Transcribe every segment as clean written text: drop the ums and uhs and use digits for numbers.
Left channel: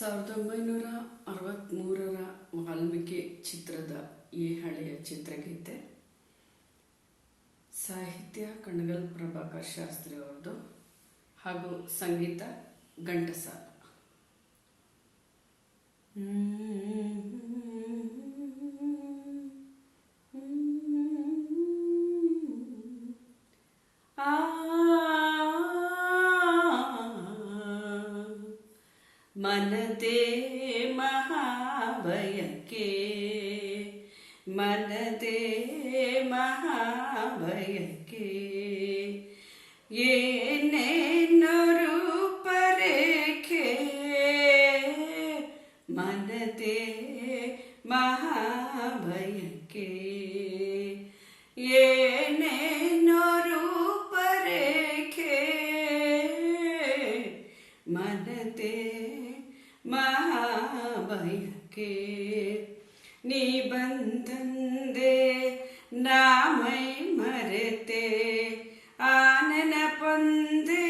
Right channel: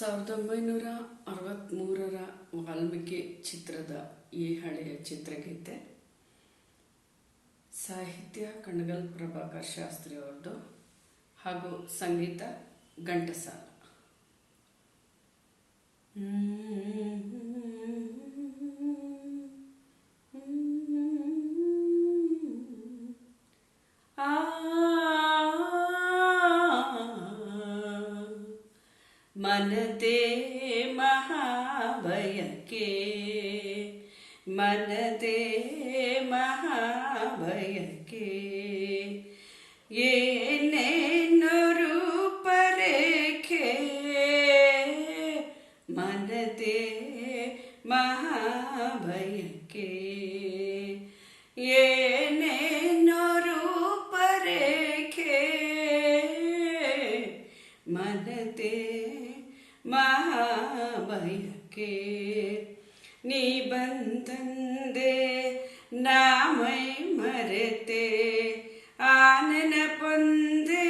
1963ರ ವಾಲ್ಮೀಕಿ ಚಿತ್ರದ ಈ ಹಳೆಯ ಚಿತ್ರಗೀತೆ ಸಾಹಿತ್ಯ ಕಣಗಲ್ ಪ್ರಭಾಕರ್ ಶಾಸ್ತ್ರಿ ಅವರದು ಹಾಗೂ ಸಂಗೀತ ಘಂಟಸಾಲ. ಮನದೇ ಮಹಾಭಯಕ್ಕೆ ಮನದೇ ಮಹಾಭಯಕ್ಕೆ ಏನೇನು ರೂಪರೇಖೆ ಮನದೇ ಮಹಾಭಯಕ್ಕೆ ಏನೇನು ರೂಪರೇಖೆ ಮನದೇ ಮಹಾಭಯಕ್ಕೆ ನೀ ಬಂದಂದೆ ನಾಮೈ ಮರೆತೆ ಆನನ ಪೊಂದೆ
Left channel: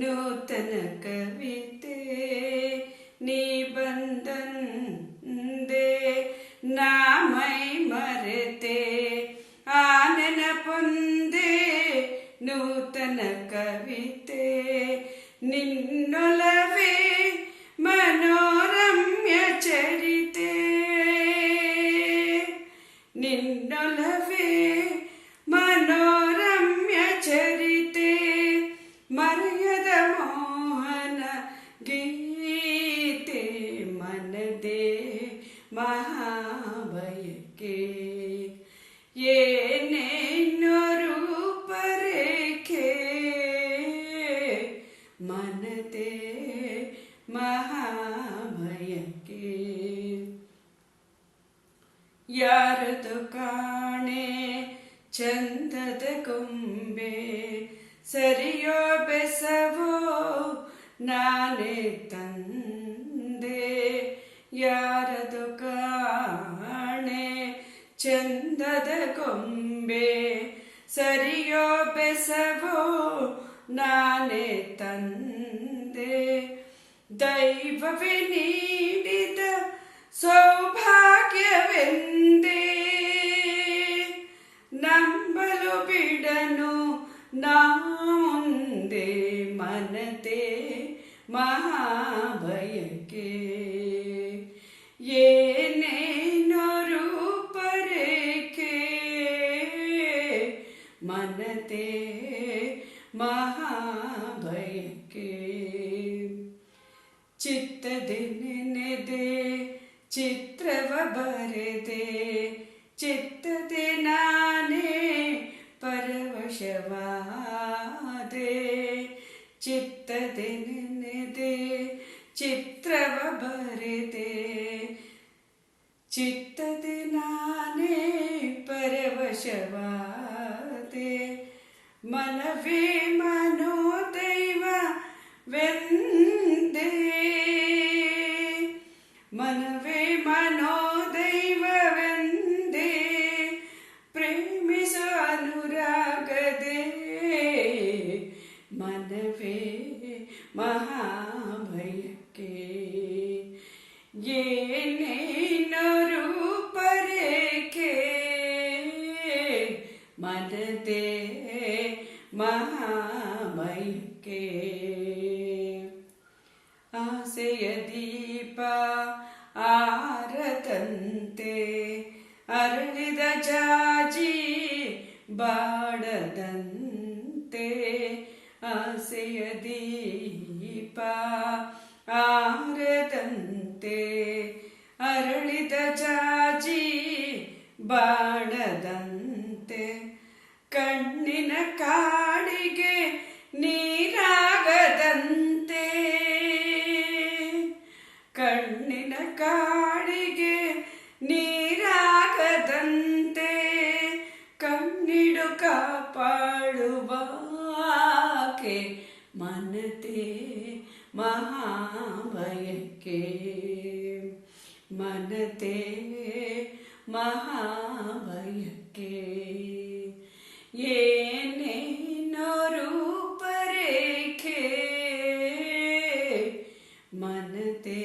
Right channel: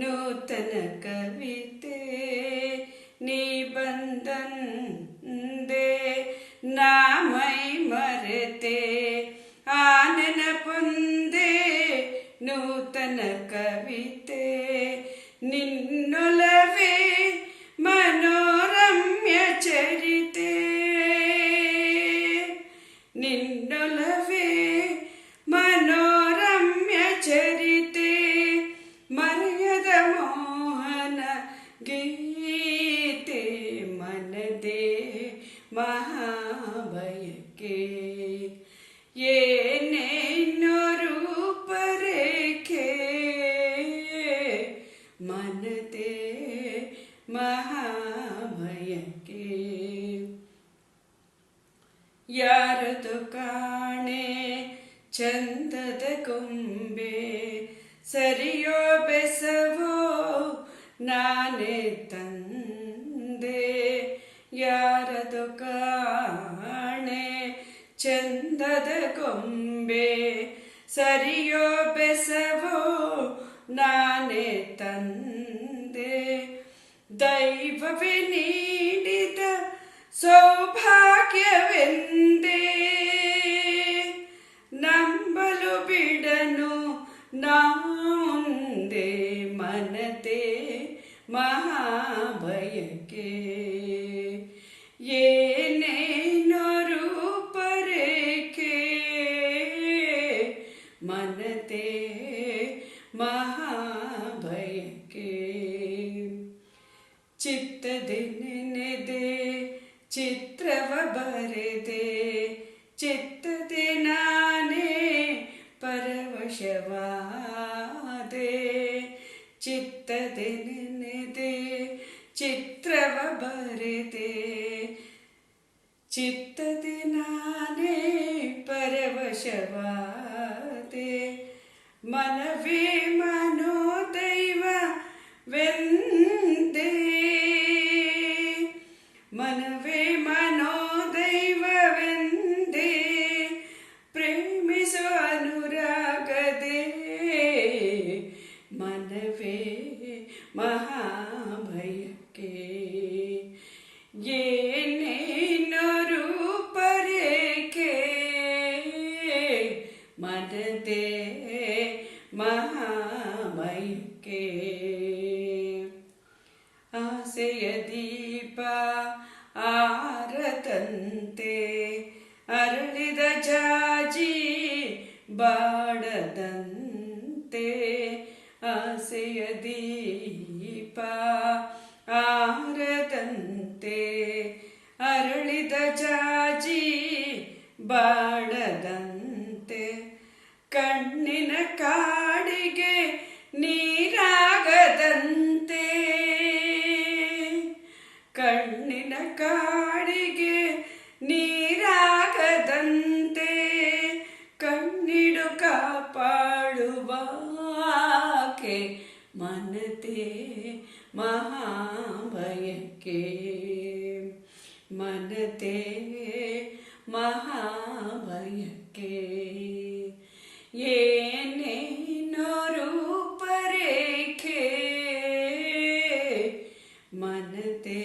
ನೂತನ ಕವಿತೆ ನೀ ಬಂದಂದೆ ನಾಮೈ ಮರೆತೆ ಆನನ ಪೊಂದೆ ನೂತನ ಕವಿತೆ ನಿನ್ನೊಲವೇ ಮನೋರಮ್ಯ ಚರಿತೆ ನಿನ್ನೊಲವೇ ಮನೋರಮ್ಯ ಚರಿತೆ ಮರೆಯದ ಮೋಹನ ಗೀತೆ ಮನದೇ ಮಹಾಭಯಕ್ಕೆ ಏನೇನು ರೂಪರೇಖೆ ಮನದೇ ಮಹಾಭಯಕ್ಕೆ ಯಾರದು ಕಾಣೆ ಚಂದದ ಗೊಂಬೆ ಸರಿಯೋ ಬೆಸವೋ ನಾನೇ ತಂದೆ ಯಾರದು ಕಾಣೆ ಚಂದದ ಗೊಂಬೆ ಸರಿಯೋ ಬೆಸವೋ ನಾನೇ ತಂದೆ ದೈವವೇ ನೀಡಿದ ಸೌಭಾಗ್ಯವೆಂದೇ ನಂಬಲು ಬಿಡನು ನಾಂದೆ ಮನದೇ ಮಹಾಭಯಕ್ಕೆ ಏನೇನು ರೂಪರೇಖೆ ಮನದೇ ಮಹಾಭಯಕ್ಕೆ ಚಿತ್ತದೆ ನೆನೆದೆ ಚಿತ್ರವ ಬರೆದೆ ಚಿತ್ತದೆ ನಾನೇ ಪರವಶವಾದೆ ಚಿತ್ತದೆ ನೆನೆದೆ ಚಿತ್ರವ ಬರೆದೆ ಚಿತ್ತದೆ ನಾನೇ ಪರವಶವಾದೆ ಮನವೇ ಮನೋದೈವವೆಂದೇ ಮನವೇ ಮನೋದೈವವೆಂದೇ ಪ್ರೇಮಿಸುವ ಅನುರಾಗದೇ ಮನವೇ ಮಹಾಭಯಕ್ಕೆ ಏನೇನು ರೂಪರೇಖೆ ಮನದೇ ಮಹಾಭಯಕ್ಕೆ ಆಸೆಯ ದೀಪ ಆರದಂತೆ ಅರಳಿದ ಜಾಜಿ ಬಾಡದಂತೆ ಆಸೆಯ ದೀಪ ಆರದಂತೆ ಅರಳಿದ ಜಾಜಿ ಬಾಡದಂತೆ ಕಣ್ಣಿನ ಕಾಡಿಗೆ ನೀರಾಗದಂತೆ ಕಣ್ಣಿನ ಕಾಡಿಗೆ ನೀರಾಗದಂತೆ ಕಣ್ಣಿಡು ಕಾಪಾಡುವಾಕೆ ಮನದೇ ಮಹಾಭಯಕ್ಕೆ ಮನದೇ ಮಹಾಭಯಕ್ಕೆ ಏನೇನೋ ರೂಪರೇಖೆ ಮನತೆ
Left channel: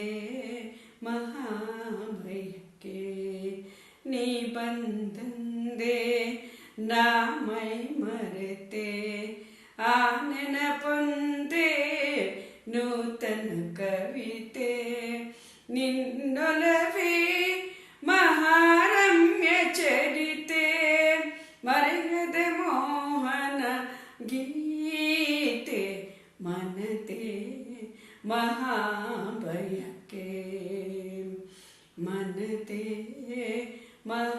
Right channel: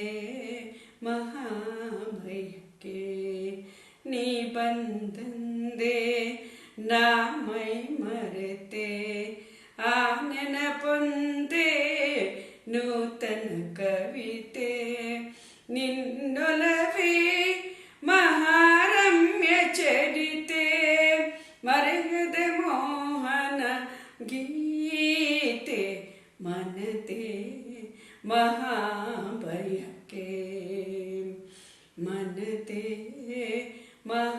ಗೀತೆ ಮನತೆ ಮಹಾಭಯಕ್ಕೆ ಮನತೆ ಮಹಾಭಯಕ್ಕೆ